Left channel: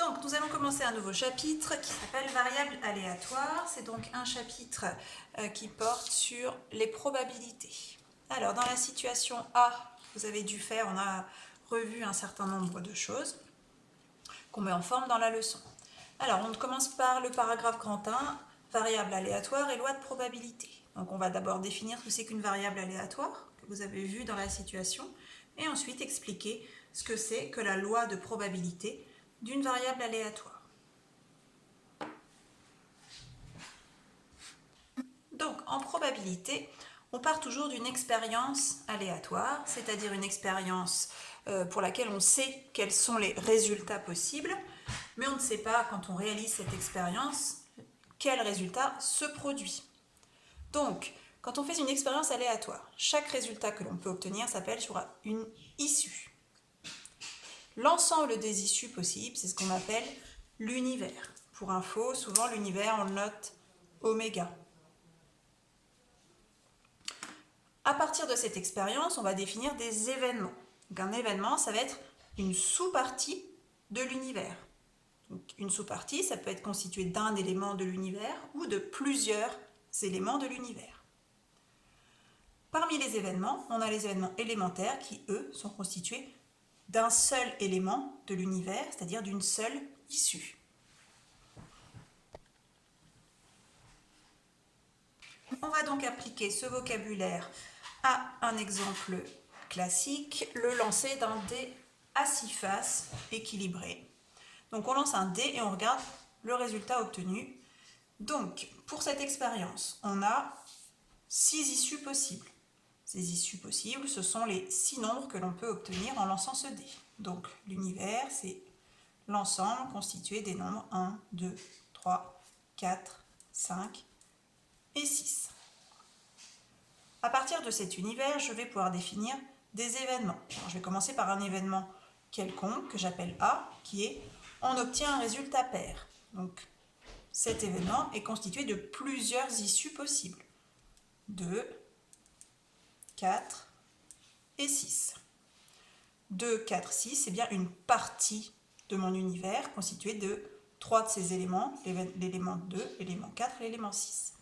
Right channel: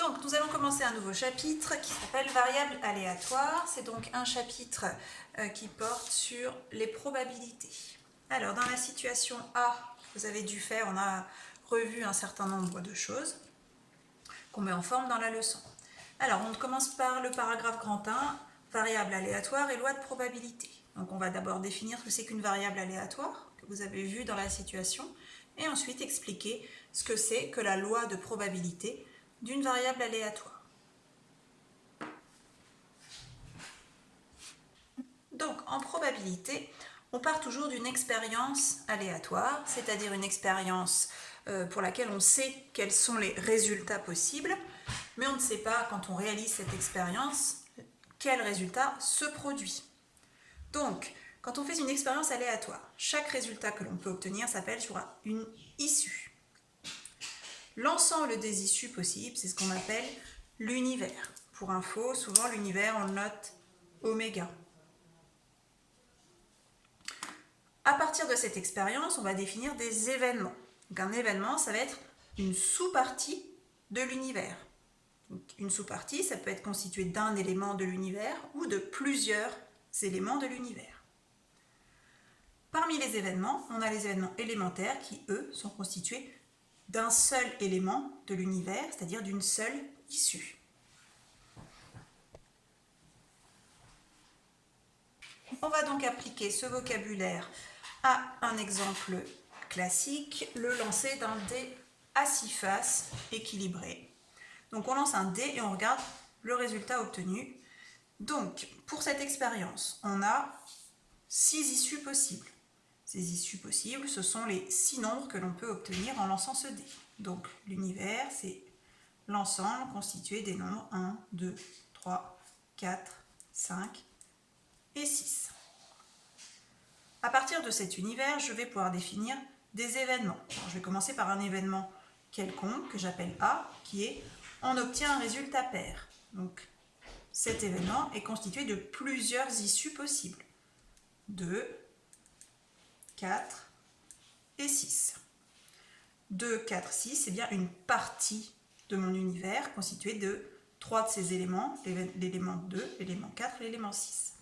Donc, nous allons commencer un nouveau chapitre qui s'appelle variables aléatoires. C'est donc un chapitre qui porte sur les probabilités. Alors, dans la situation A, vous avez dû faire, on a revu un certain nombre de choses qu'on met en forme dans la leçon. Alors, on commence par le paragraphe grand 1, variables aléatoires et loi de probabilité. Donc, on va d'abord définir ce que c'est qu'une variable aléatoire, que vous avez vu dans la situation, et ensuite expliquer ce que c'est que la loi de probabilité d'une variable aléatoire. Donc, en probabilité, on part toujours d'une expérience aléatoire, c'est-à-dire une expérience pour laquelle on sait quels sont les résultats possibles, mais on ne sait pas, quand on réalise cette expérience, quel résultat se produit. Donc, quand on fait une expérience aléatoire, chaque résultat que l'on peut obtenir s'appelle sur une issue. L'ensemble des issues possibles, c'est ce qu'on appelle l'univers. Pour info, souvent l'univers, on le note oméga. À partir de cette expérience, on va définir des événements. Donc un événement, ça va être une sous-partie de l'univers. Donc une sous-partie, ça peut être constitué d'un élément de l'univers ou de plusieurs éléments de l'univers. Parmi les événements, on a les événements élémentaires qui, eux, sont constitués d'un seul élément de l'univers, c'est-à-dire d'une seule issue. On va donc appliquer ce vocabulaire à un exemple classique, le lancer d'un dé à 6 faces équilibré. Donc on lance un dé et on regarde le résultat obtenu. Donc pour cette expérience, on a 6 issues possibles. Ces issues possibles, ce sont les 6 nombres que l'on peut obtenir en lançant ce dé. Donc l'univers, c'est l'ensemble constitué des nombres 1, 2, 3, 4, 5 et 6. À partir de cet univers, je vais pouvoir définir des événements. Alors, je vais commencer par un événement quelconque que j'appelle A, qui est on obtient un résultat pair. Donc cet événement est constitué de plusieurs issues possibles. 2, 4 et 6. 2, 4, 6, c'est bien une partie de mon univers constituée de 3 de ces éléments, l'élément 2, l'élément 4 et l'élément 6.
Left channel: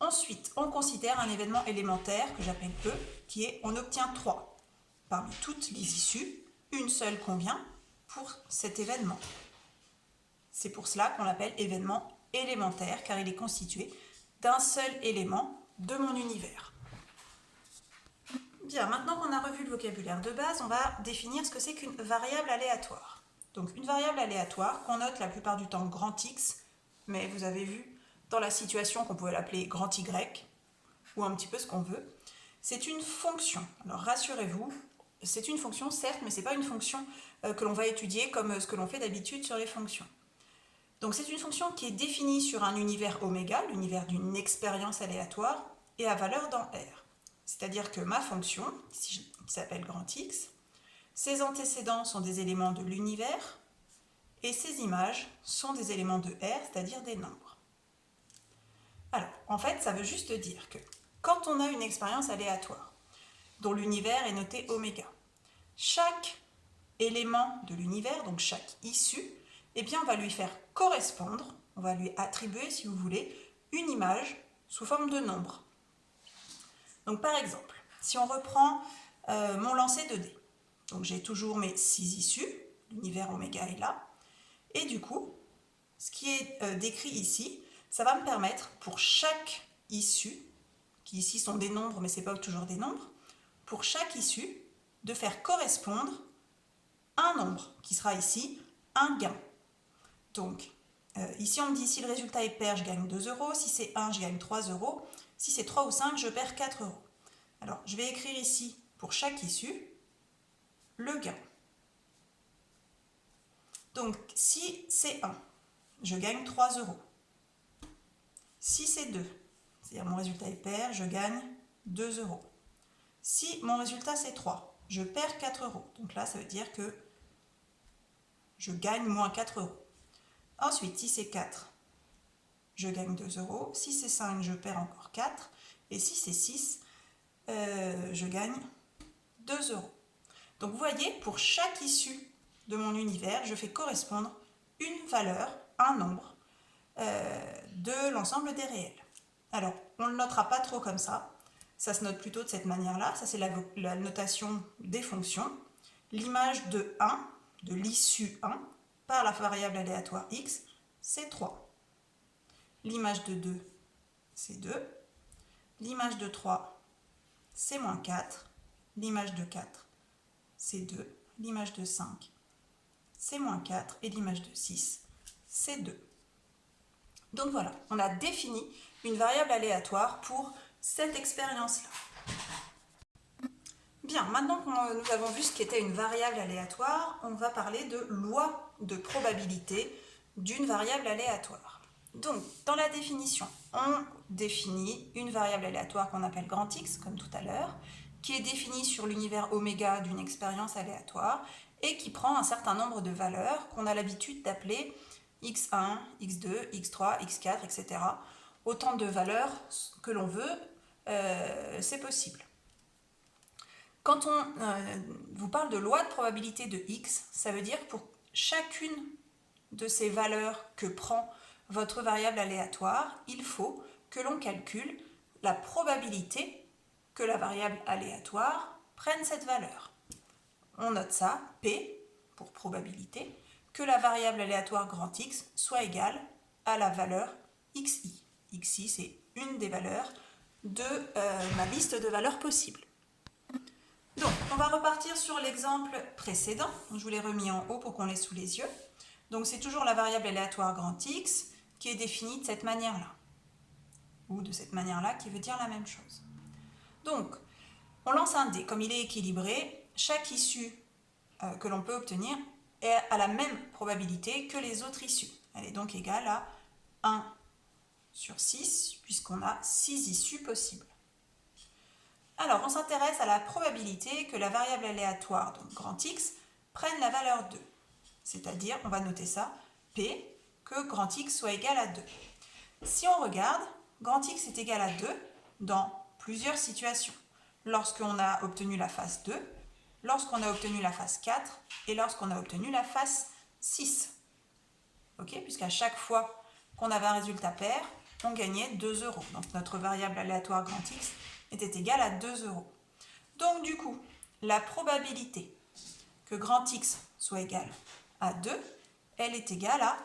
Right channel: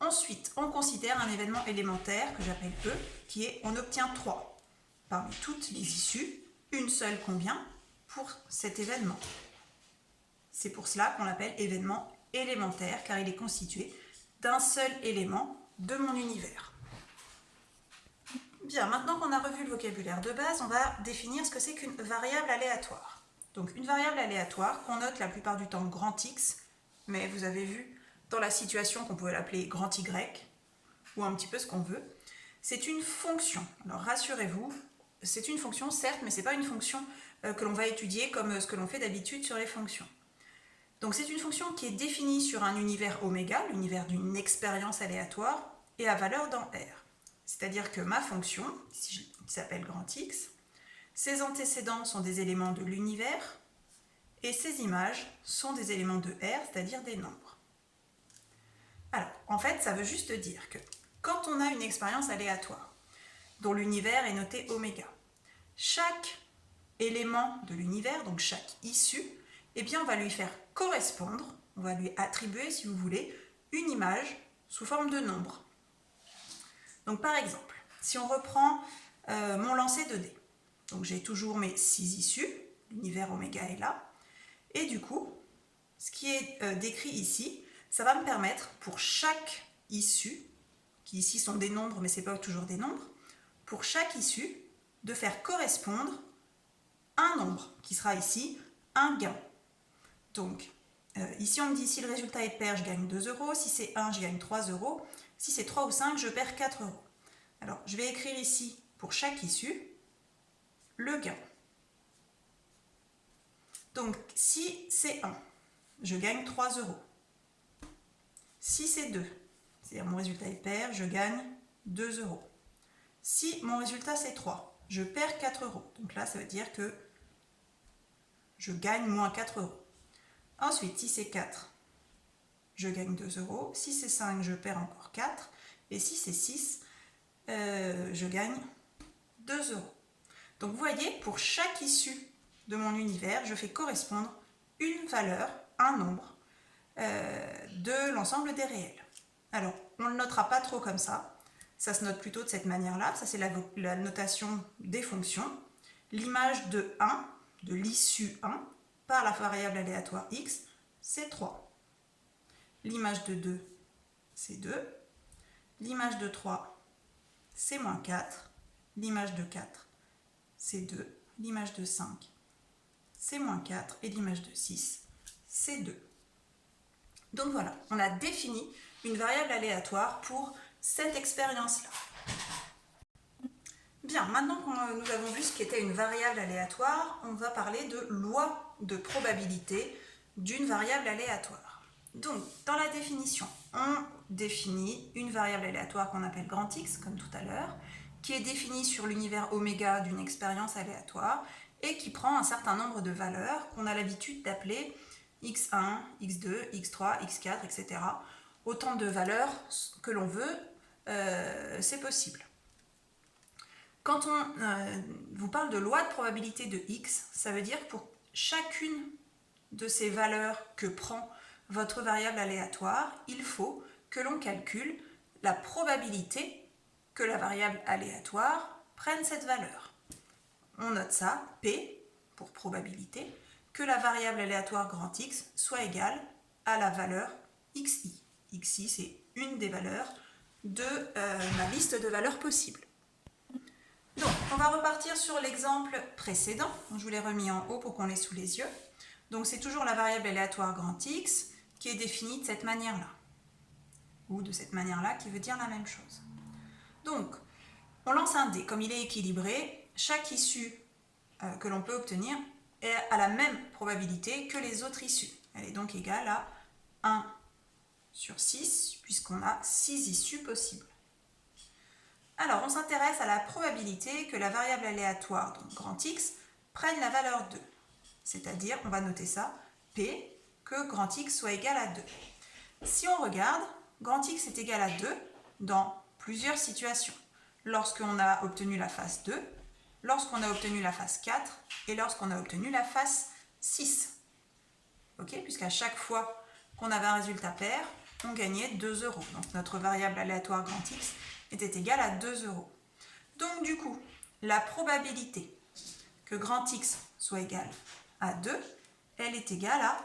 Ensuite, on considère un événement élémentaire que j'appelle E, qui est on obtient 3. Parmi toutes les issues, une seule convient pour cet événement. C'est pour cela qu'on l'appelle événement élémentaire, car il est constitué d'un seul élément de mon univers. Bien, maintenant qu'on a revu le vocabulaire de base, on va définir ce que c'est qu'une variable aléatoire. Donc une variable aléatoire qu'on note la plupart du temps grand X, mais vous avez vu dans la situation qu'on pouvait l'appeler grand Y, ou un petit peu ce qu'on veut, c'est une fonction. Alors rassurez-vous, c'est une fonction certes, mais ce n'est pas une fonction que l'on va étudier comme ce que l'on fait d'habitude sur les fonctions. Donc c'est une fonction qui est définie sur un univers oméga, l'univers d'une expérience aléatoire, et à valeur dans R. C'est-à-dire que ma fonction, qui s'appelle grand X, ses antécédents sont des éléments de l'univers, et ses images sont des éléments de R, c'est-à-dire des nombres. Alors, en fait, ça veut juste dire que quand on a une expérience aléatoire, dont l'univers est noté oméga, chaque élément de l'univers, donc chaque issue, eh bien, on va lui faire correspondre, on va lui attribuer, si vous voulez, une image sous forme de nombre. Donc, par exemple, si on reprend mon lancer de dés, donc j'ai toujours mes 6 issues, l'univers oméga est là, et du coup, ce qui est décrit ici, ça va me permettre pour chaque issue, qui ici sont des nombres, mais ce n'est pas toujours des nombres, pour chaque issue, de faire correspondre un nombre, qui sera ici un gain. Donc, ici on me dit si le résultat est pair, je gagne 2 euros, si c'est 1, je gagne 3 euros, si c'est 3 ou 5, je perds 4 euros. Alors, je vais écrire ici, pour chaque issue, le gain. Donc, si c'est 1, je gagne 3 euros. Si c'est 2, c'est-à-dire mon résultat est pair, je gagne 2 euros. Si mon résultat c'est 3, je perds 4 euros. Donc là, ça veut dire que je gagne moins 4 euros. Ensuite, si c'est 4, je gagne 2 euros. Si c'est 5, je perds encore 4. Et si c'est 6, je gagne 2 euros. Donc vous voyez, pour chaque issue de mon univers, je fais correspondre une valeur, un nombre, de l'ensemble des réels. Alors, on ne le notera pas trop comme ça. Ça se note plutôt de cette manière-là. Ça, c'est la notation des fonctions. L'image de 1, de l'issue 1, par la variable aléatoire x, c'est 3. L'image de 2, c'est 2. L'image de 3, c'est moins 4. L'image de 4, c'est 2. L'image de 5, c'est moins 4. Et l'image de 6, c'est 2. Donc voilà, on a défini une variable aléatoire pour cette expérience-là. Bien, maintenant que nous avons vu ce qu'était une variable aléatoire, on va parler de loi de probabilité d'une variable aléatoire. Donc, dans la définition, on définit une variable aléatoire qu'on appelle grand X, comme tout à l'heure, qui est définie sur l'univers oméga d'une expérience aléatoire et qui prend un certain nombre de valeurs qu'on a l'habitude d'appeler x1, x2, x3, x4, etc. Autant de valeurs que l'on veut, c'est possible. Quand on vous parle de loi de probabilité de x, ça veut dire que pour chacune de ces valeurs que prend votre variable aléatoire, il faut que l'on calcule la probabilité que la variable aléatoire prenne cette valeur. On note ça, P, pour probabilité, que la variable aléatoire grand X soit égale à la valeur XI. XI, c'est une des valeurs de ma liste de valeurs possibles. Donc, on va repartir sur l'exemple précédent. Je vous l'ai remis en haut pour qu'on l'ait sous les yeux. Donc, c'est toujours la variable aléatoire grand X qui est définie de cette manière-là. Ou de cette manière-là qui veut dire la même chose. Donc, on lance un dé. Comme il est équilibré, chaque issue que l'on peut obtenir a la même probabilité que les autres issues. Elle est donc égale à 1 sur 6, puisqu'on a 6 issues possibles. Alors, on s'intéresse à la probabilité que la variable aléatoire, donc grand X, prenne la valeur 2. C'est-à-dire, on va noter ça, P, que grand X soit égal à 2. Si on regarde, grand X est égal à 2 dans plusieurs situations. Lorsqu'on a obtenu la phase 2, lorsqu'on a obtenu la phase 4 et lorsqu'on a obtenu la phase 6. Okay, puisqu'à chaque fois qu'on avait un résultat pair, on gagnait 2 euros. Donc notre variable aléatoire grand X était égale à 2 euros. Donc du coup, la probabilité que grand X soit égal à 2, elle est égale à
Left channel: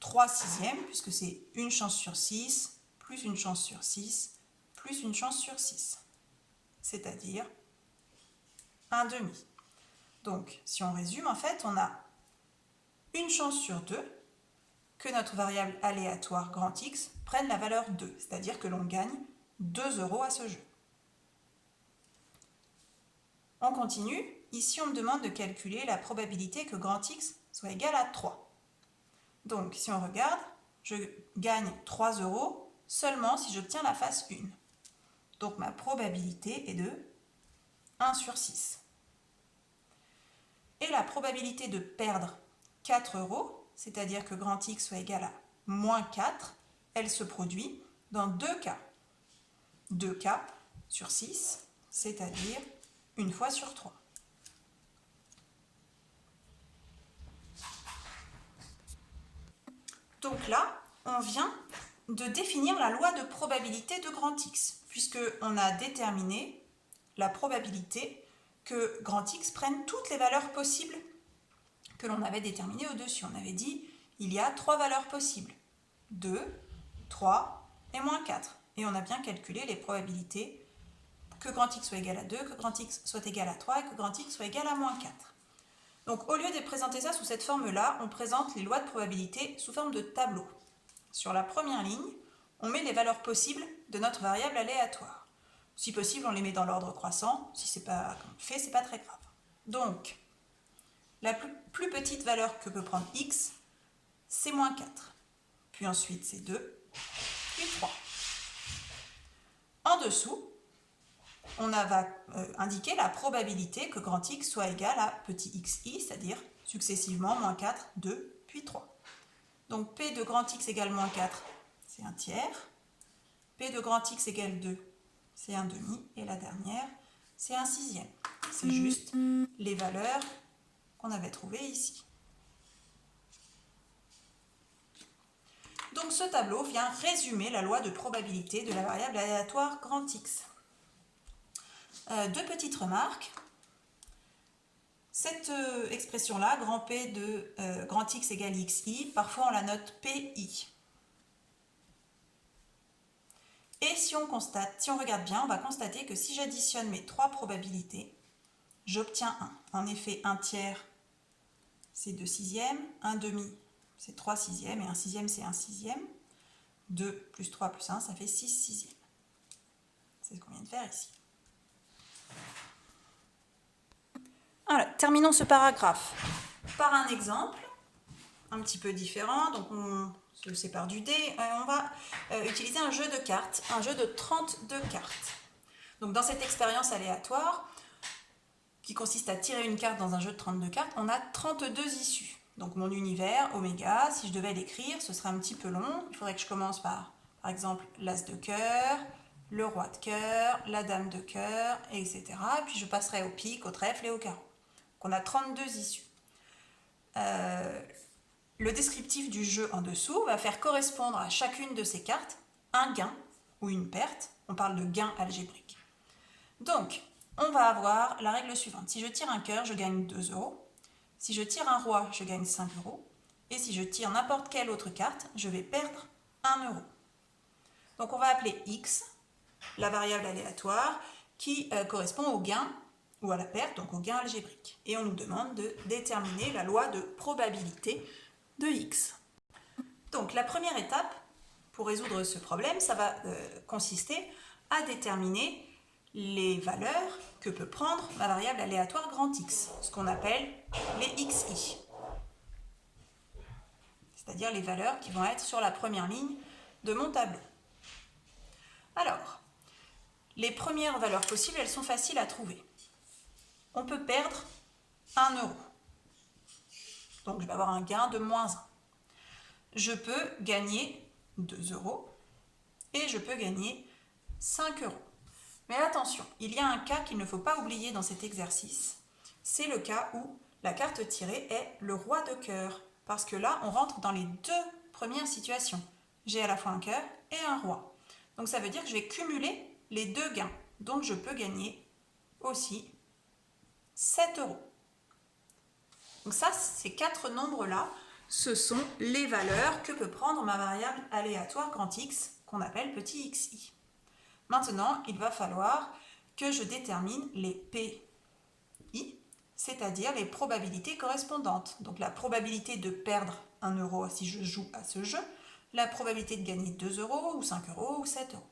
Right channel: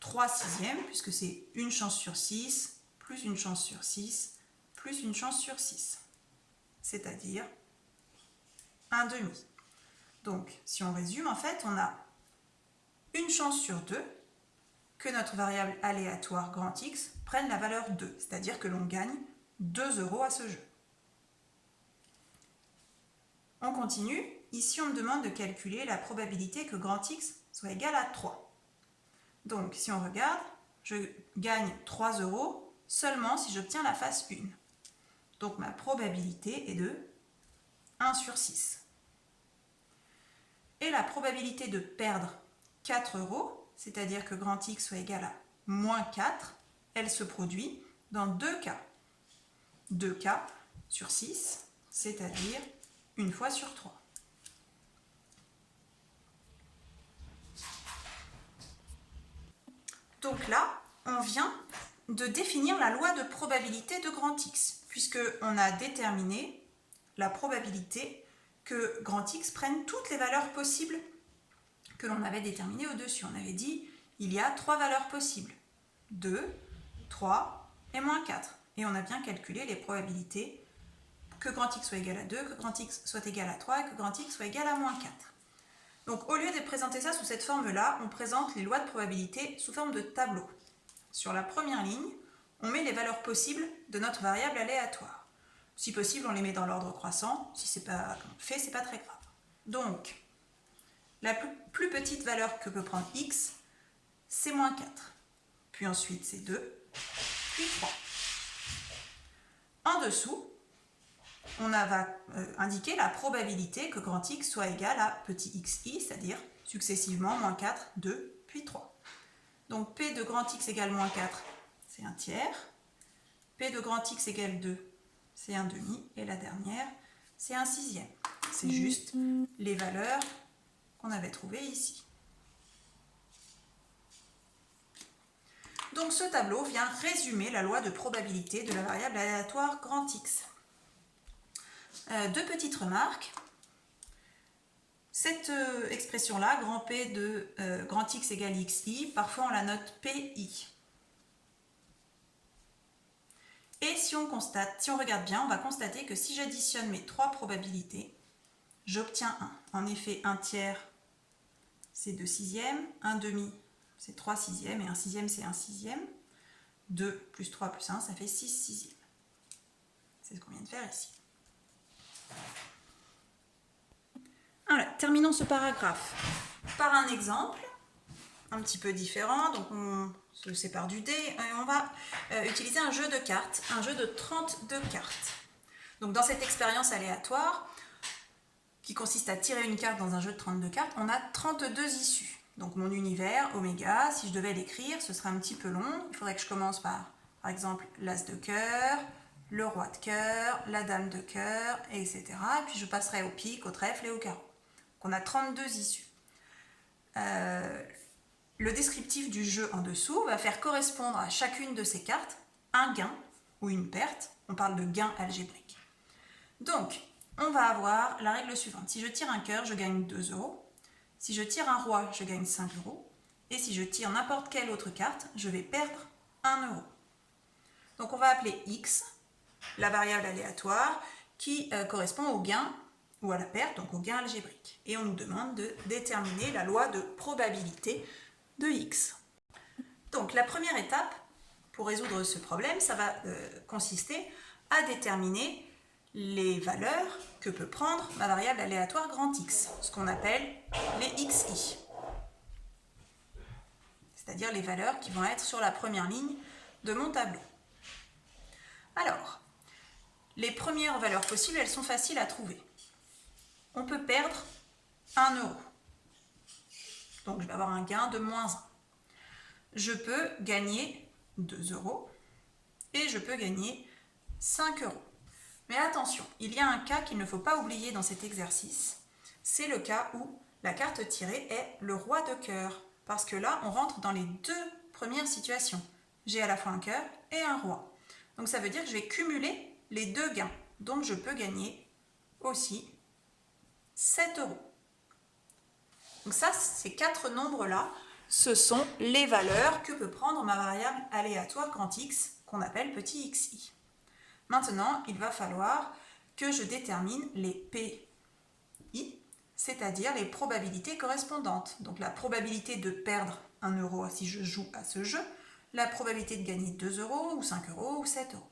3 sixièmes, puisque c'est une chance sur 6, plus une chance sur 6, plus une chance sur 6. C'est-à-dire 1 demi. Donc, si on résume, en fait, on a une chance sur 2 que notre variable aléatoire grand X prenne la valeur 2, c'est-à-dire que l'on gagne 2 euros à ce jeu. On continue. Ici, on me demande de calculer la probabilité que grand X soit égal à 3. Donc, si on regarde, je gagne 3 euros seulement si j'obtiens la phase 1. Donc, ma probabilité est de 1 sur 6. Et la probabilité de perdre 4 euros, c'est-à-dire que grand X soit égal à moins 4, elle se produit dans 2 cas. 2 cas sur 6, c'est-à-dire une fois sur 3. Donc là, on vient de définir la loi de probabilité de grand X, puisqu'on a déterminé la probabilité que grand X prenne toutes les valeurs possibles que l'on avait déterminées au-dessus. On avait dit, il y a 3 valeurs possibles, 2, 3 et moins 4. Et on a bien calculé les probabilités que grand X soit égal à 2, que grand X soit égal à 3 et que grand X soit égal à moins 4. Donc au lieu de présenter ça sous cette forme-là, on présente les lois de probabilité sous forme de tableau. Sur la première ligne, on met les valeurs possibles de notre variable aléatoire. Si possible, on les met dans l'ordre croissant. Si ce n'est pas fait, ce n'est pas très grave. Donc, la plus petite valeur que peut prendre x, c'est moins 4. Puis ensuite, c'est 2, puis 3. En dessous, on va indiquer la probabilité que grand X soit égal à petit xi, c'est-à-dire successivement moins 4, 2, puis 3. Donc P de grand X égale moins 4, c'est 1 tiers. P de grand X égale 2, c'est 1 demi. Et la dernière, c'est 1 sixième. C'est juste les valeurs qu'on avait trouvé ici. Donc ce tableau vient résumer la loi de probabilité de la variable aléatoire grand X. Deux petites remarques. Cette expression-là, grand P de grand X égale XI, parfois on la note PI. Et si on regarde bien, on va constater que si j'additionne mes trois probabilités, j'obtiens 1. En effet, 1 tiers, c'est 2 sixièmes, 1 demi, c'est 3 sixièmes, et 1 sixième, c'est 1 sixième. 2 plus 3 plus 1, ça fait 6 sixièmes. C'est ce qu'on vient de faire ici. Alors, terminons ce paragraphe par un exemple un petit peu différent. Donc on se sépare du dé et on va utiliser un jeu de cartes, un jeu de 32 cartes. Donc dans cette expérience aléatoire, qui consiste à tirer une carte dans un jeu de 32 cartes, on a 32 issues. Donc mon univers, oméga, si je devais l'écrire, ce serait un petit peu long. Il faudrait que je commence par exemple, l'as de cœur, le roi de cœur, la dame de cœur, etc. Puis je passerai au pique, au trèfle et au carreau. Donc on a 32 issues. Le descriptif du jeu en dessous va faire correspondre à chacune de ces cartes un gain ou une perte. On parle de gain algébrique. Donc, on va avoir la règle suivante. Si je tire un cœur, je gagne 2 euros. Si je tire un roi, je gagne 5 euros. Et si je tire n'importe quelle autre carte, je vais perdre 1 euro. Donc, on va appeler X la variable aléatoire qui correspond au gain ou à la perte, donc au gain algébrique. Et on nous demande de déterminer la loi de probabilité de X. Donc, la première étape pour résoudre ce problème, ça va consister à déterminer les valeurs que peut prendre ma variable aléatoire grand X, ce qu'on appelle les XI. C'est-à-dire les valeurs qui vont être sur la première ligne de mon tableau. Alors, les premières valeurs possibles, elles sont faciles à trouver. On peut perdre 1 euro. Donc, je vais avoir un gain de moins 1. Je peux gagner 2 euros et je peux gagner 5 euros. Mais attention, il y a un cas qu'il ne faut pas oublier dans cet exercice. C'est le cas où la carte tirée est le roi de cœur. Parce que là, on rentre dans les deux premières situations. J'ai à la fois un cœur et un roi. Donc ça veut dire que je vais cumuler les deux gains. Donc je peux gagner aussi 7 euros. Donc ça, ces quatre nombres-là, ce sont les valeurs que peut prendre ma variable aléatoire grand X, qu'on appelle petit xi. Maintenant, il va falloir que je détermine les PI, c'est-à-dire les probabilités correspondantes. Donc la probabilité de perdre 1 euro si je joue à ce jeu, la probabilité de gagner 2 euros, ou 5 euros, ou 7 euros.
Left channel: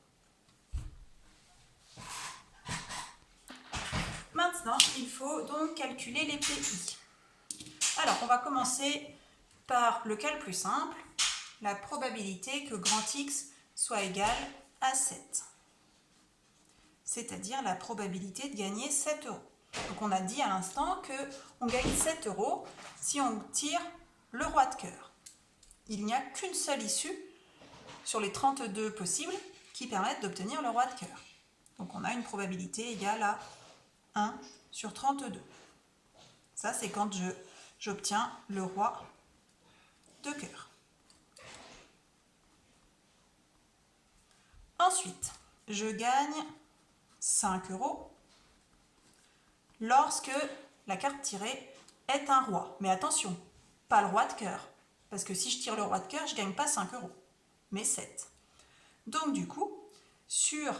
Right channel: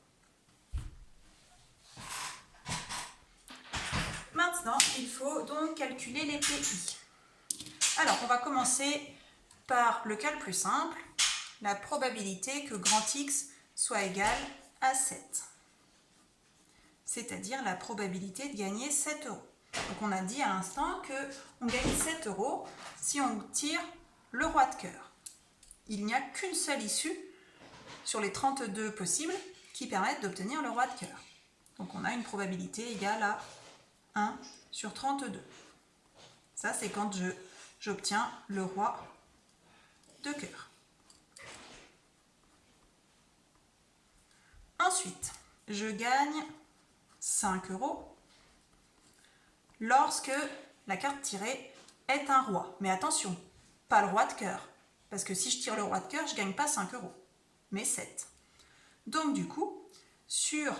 Maintenant, il faut donc calculer les PI. Alors, on va commencer par le cas le plus simple, la probabilité que grand X soit égal à 7. C'est-à-dire la probabilité de gagner 7 euros. Donc on a dit à l'instant qu'on gagne 7 euros si on tire le roi de cœur. Il n'y a qu'une seule issue sur les 32 possibles qui permettent d'obtenir le roi de cœur. Donc on a une probabilité égale à 1 sur 32. Ça, c'est quand j'obtiens le roi de cœur. Ensuite, je gagne 5 euros lorsque la carte tirée est un roi. Mais attention, pas le roi de cœur. Parce que si je tire le roi de cœur, je ne gagne pas 5 euros, mais 7. Donc du coup, sur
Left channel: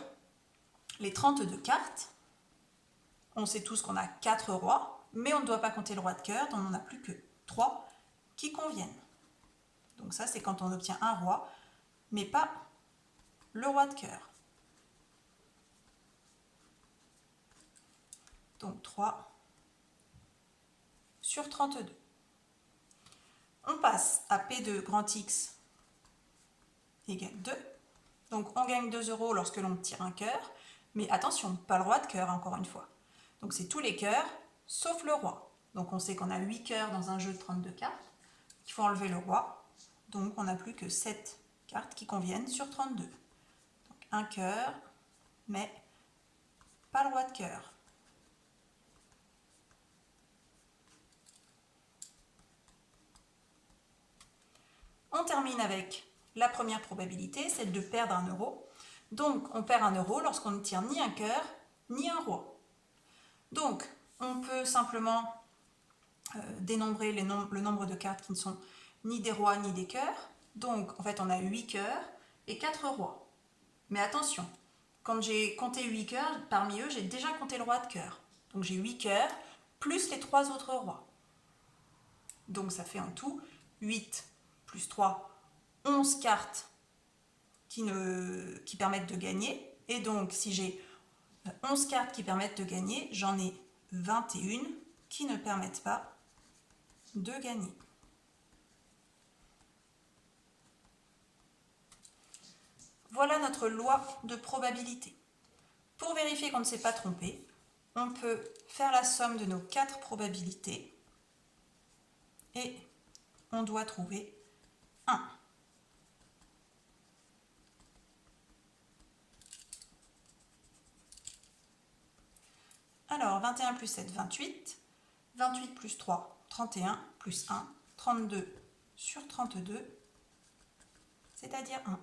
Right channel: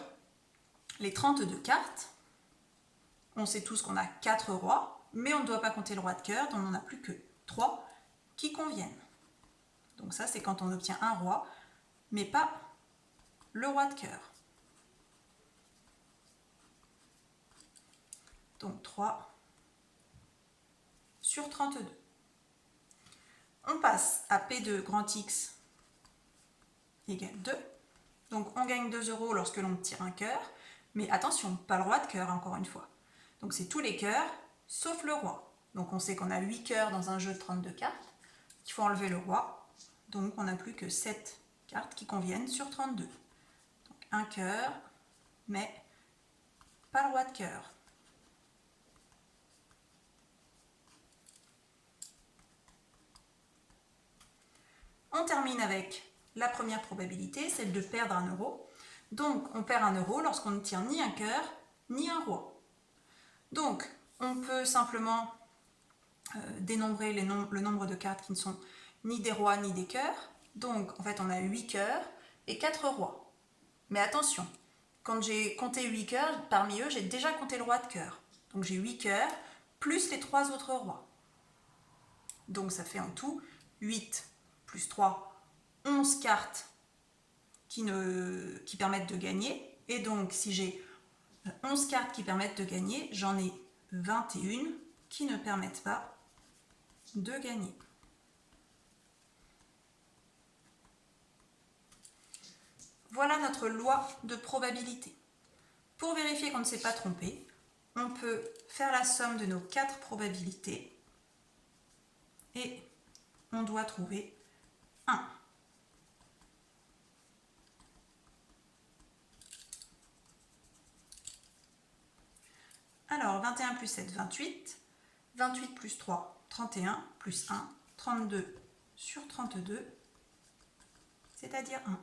les 32 cartes, on sait tous qu'on a 4 rois, mais on ne doit pas compter le roi de cœur, donc on n'a plus que 3 qui conviennent. Donc ça, c'est quand on obtient un roi, mais pas le roi de cœur. Donc 3 sur 32. On passe à P de grand X égale 2. Donc on gagne 2 euros lorsque l'on tire un cœur. Mais attention, pas le roi de cœur encore une fois. Donc c'est tous les cœurs sauf le roi. Donc on sait qu'on a 8 cœurs dans un jeu de 32 cartes. Il faut enlever le roi. Donc on n'a plus que 7 cartes qui conviennent sur 32. Donc un cœur, mais pas le roi de cœur. On termine avec la première probabilité, celle de perdre un euro. Donc, on perd un euro lorsqu'on ne tire ni un cœur, ni un roi. Donc, on peut simplement dénombrer le nombre de cartes qui ne sont ni des rois ni des cœurs. Donc, en fait, on a 8 cœurs et 4 rois. Mais attention, quand j'ai compté 8 cœurs, parmi eux, j'ai déjà compté le roi de cœur. Donc, j'ai 8 cœurs plus les 3 autres rois. Donc, ça fait en tout 8 plus 3, 11 cartes qui permettent de gagner. Et donc, si j'ai 11 cartes qui permettent de gagner, j'en ai 21 qui ne permettent pas de gagner. Voilà notre loi de probabilité. Pour vérifier qu'on ne s'est pas trompé, on peut faire la somme de nos 4 probabilités et on doit trouver 1. Alors, 21 plus 7, 28. 28 plus 3, 31, plus 1, 32 sur 32, c'est-à-dire 1.